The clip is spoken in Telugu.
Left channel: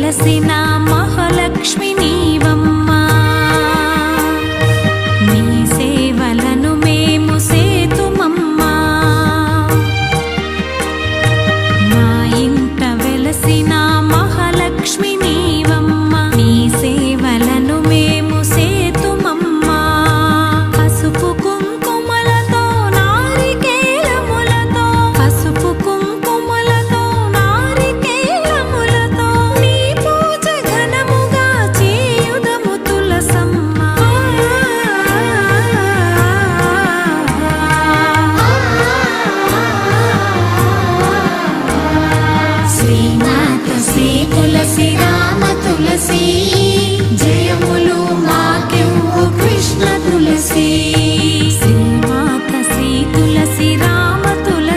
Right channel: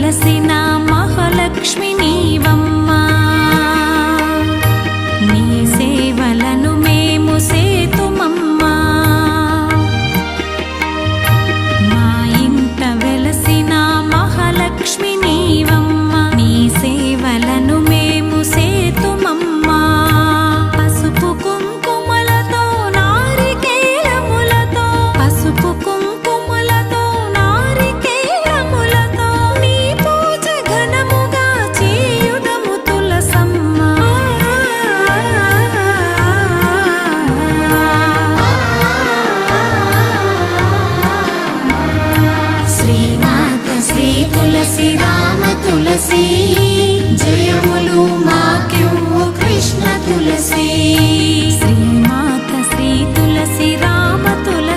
వెలసిన మహాలక్ష్మి నీవమ్మా, నీ సేవలను మేము సేతుమమ్మా. మా ఇంట వెలసిన మహాలక్ష్మి నీవమ్మా, నీ సేవలను మేము సేతుమమ్మా. పసుపు కుంకుమలతో నారికేలములతో, పసుపు కుంకుమలతో నారికేలములతో నీ పూజ ఘనముగా చేయుదము తులసమ్మ. శ్రీమాత శ్రీ తులసి రామ తులసి, జయములు మాకెవ్వు కృష్ణ తులసి. శ్రీమాత శ్రీ తులసి రామ తులసి.